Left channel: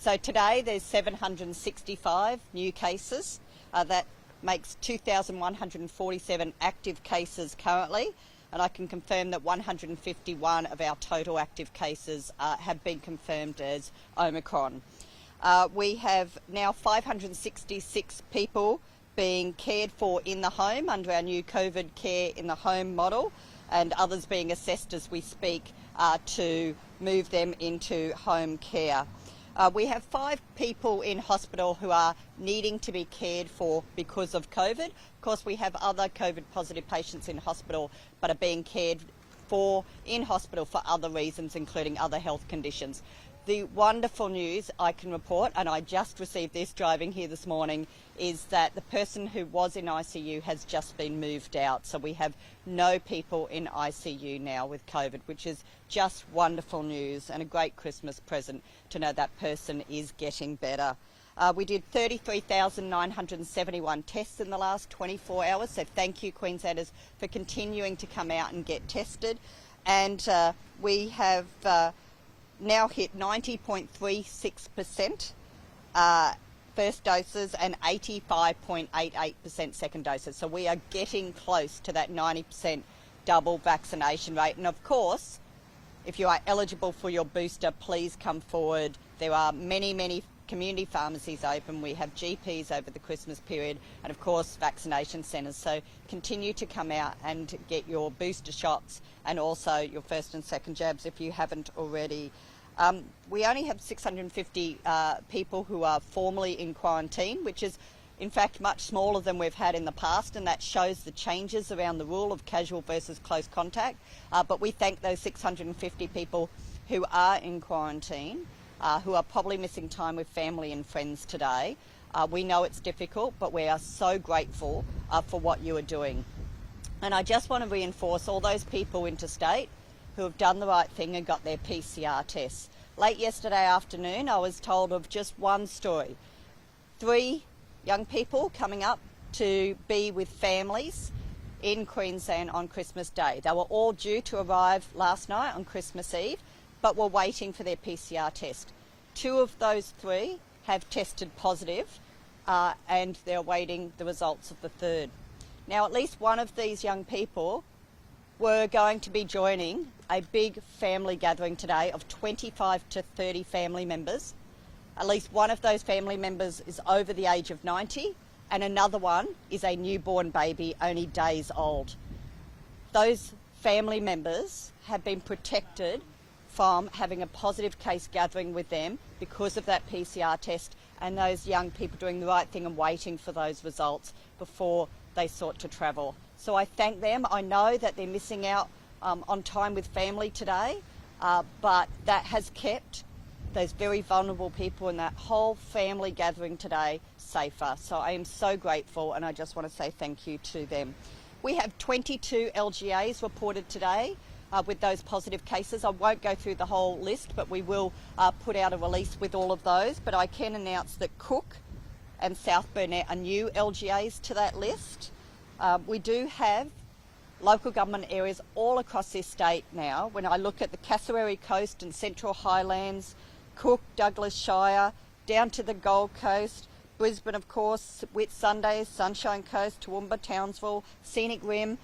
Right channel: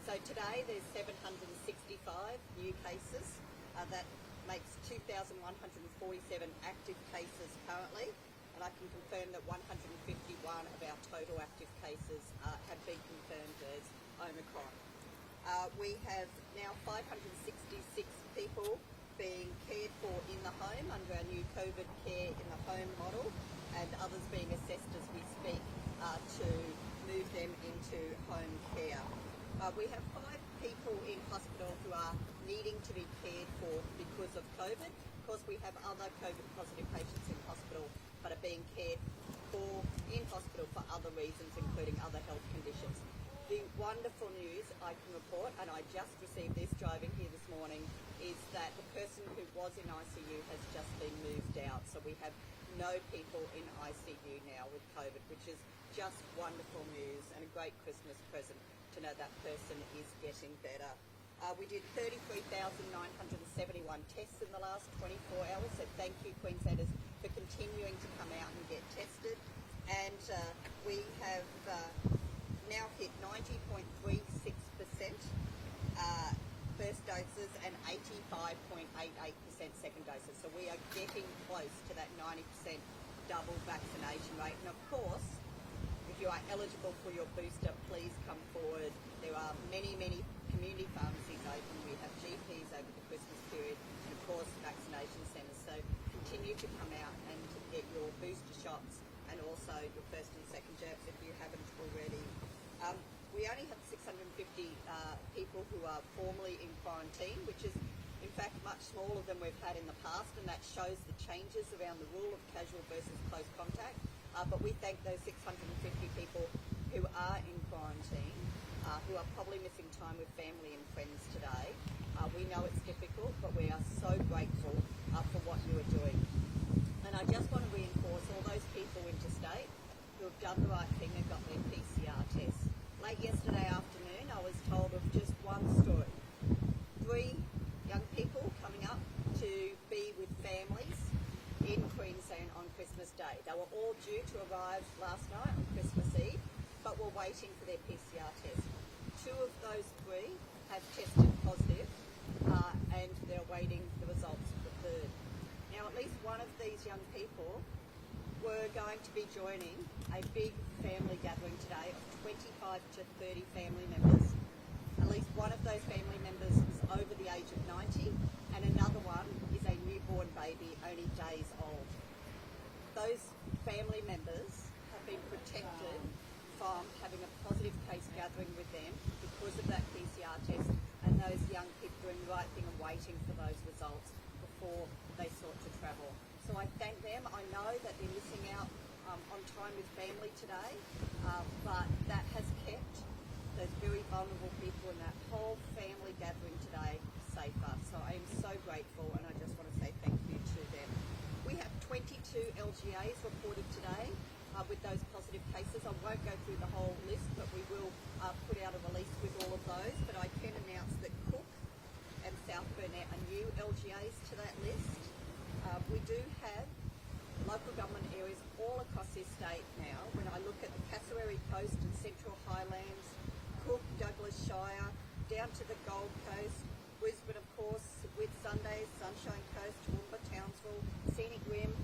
So today there's 765 new cases. That makes 2,147 active cases currently, and I can confirm that 151 of our total active cases have been confirmed as Omicron. We have now 566 people being cared for in the home under our new COVID care in the home model, and others being assessed as we speak to move them into home care. We have 5 people in hospital who are needing to be cared for because of COVID. Of course, we have other COVID positive patients in hospital but are being cared for in hospital for other reasons, including other health conditions. The wonderful news I can report, and I just received this driving here this morning, is that the person who was in ICU has just been moved out. So we have no people in ICU now with COVID, which is just wonderful news and a great Christmas present to know that person is getting better. We did 33,971 tests in the last 24 hours, so thank you Queenslanders for continuing to come out and get tested. And we have now hit 90.36% first doses and 85.88% second doses. So we are getting close to that 90% double vaccination rate. And of course, if you are eligible for your booster, please come forward. There are many community pharmacies open. We have GPs over the Christmas period, and of course vaccination centres. So continue to come out and get your booster shots and also your first and second jabs if you haven't already. We only have 650 people who are formally in quarantine, which is in fact much smaller than we've had in the past, and that shows the changes around the rule of casual versus close contact. But we thank those 650 people who are in quarantine, who are probably missing time with family and friends today. We know it's difficult, but we are so grateful for what you are doing. And I just want to reinforce all those people interstate who have done the right thing and got their PCR tests. Late yesterday afternoon, I was told of just one story. 3 young people coming up to be with families in Queensland on Christmas Day. They were all due to arrive last night on Christmas Eve, but were waiting for their PCR test. 2 of those 3 have tested positive, and they're awaiting the results of the 3rd. Now, at least one of these young people were going to be joining a big family gathering today of 25 to 30 family members. At least one of those family members is over the age of 90, and another one is a newborn baby only days old. Those family members have been protected from having a positive case gathering with them because of that PCR test, and those young people doing the right thing and waiting for those results before they sought to travel. So I thank them. I know that they're missing out on time with family today, but that has kept those very vulnerable people and that whole family gathering today safer. So I am so grateful, and I just want to say thank you to them. We have 22 LGAs reported today with those positive cases. I won't go through the whole list, but we will put out a release with all of those. But I can announce that Cook and South Burnett are new LGAs to that list. We do have local government areas all across this state now. When I look at the Cassowary Coast and Central Highlands, Cook, Douglas Shire, down to the Gold Coast, Brisbane of course, Whitsunday, Sunshine Coast, Toowoomba, Townsville, Scenic Rim.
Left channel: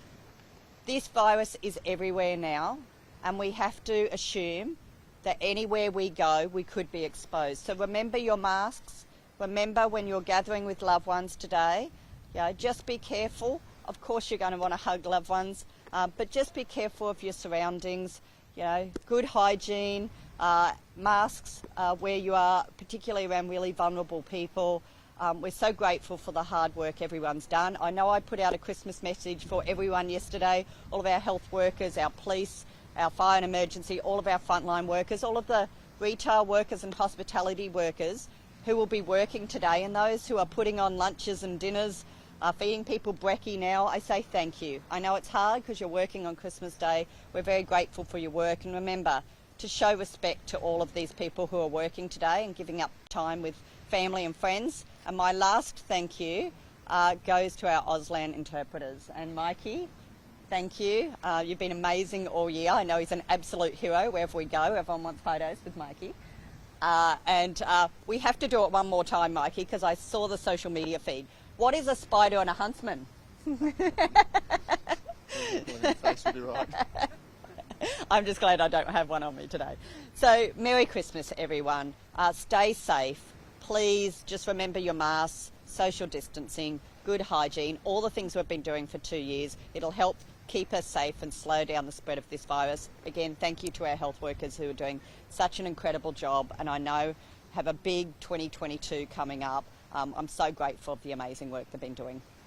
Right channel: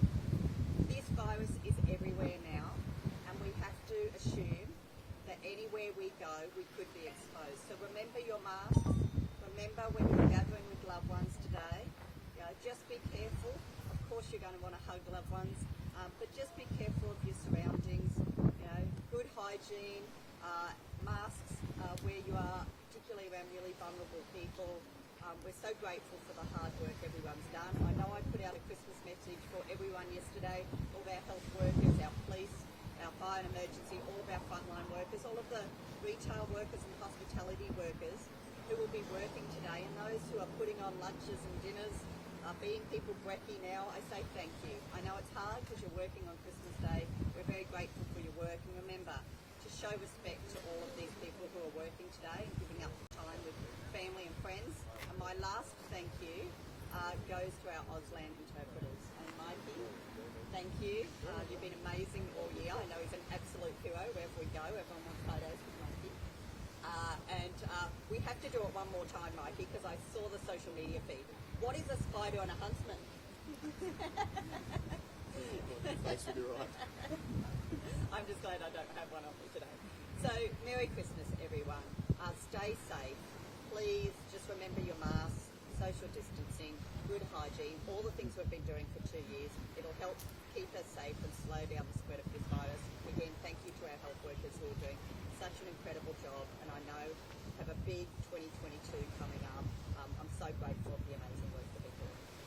This virus is everywhere now, and we have to assume that anywhere we go we could be exposed. So remember your masks, remember when you're gathering with loved ones today, just be careful. Of course you're going to want to hug loved ones, but just be careful of your surroundings. Good hygiene, masks where you are, particularly around really vulnerable people. We're so grateful for the hard work everyone's done. I know I put out a Christmas message for everyone yesterday, all of our health workers, our police, our fire and emergency, all of our frontline workers, all of the retail workers and hospitality workers who will be working today, and those who are putting on lunches and dinners, feeding people brekkie now. I say thank you. I know it's hard because you're working on Christmas Day. We're very grateful for your work, and remember to show respect to all of these people who are working today and giving up time with family and friends. And my last thank you goes to our Auslan interpreters. And Mikey, thank you. You've been amazing all year. I know he's an absolute hero wherever we go. Everyone wants photos with Mikey. And we have to do it one more time, Mikey, because I saw the social media feed. What is a spider and a huntsman? Right. I'm just glad I don't have one on me today. So, Merry Christmas, everyone. Stay safe. Please just remember your masks, social distancing, good hygiene, all the things we've been doing for 2 years. It'll help keep us safe and slow down the spread of this virus. Again, thank you to our health workers who are doing such an incredible job, and I know have a big 2022 coming up. I'm so grateful for the amazing work they've been doing.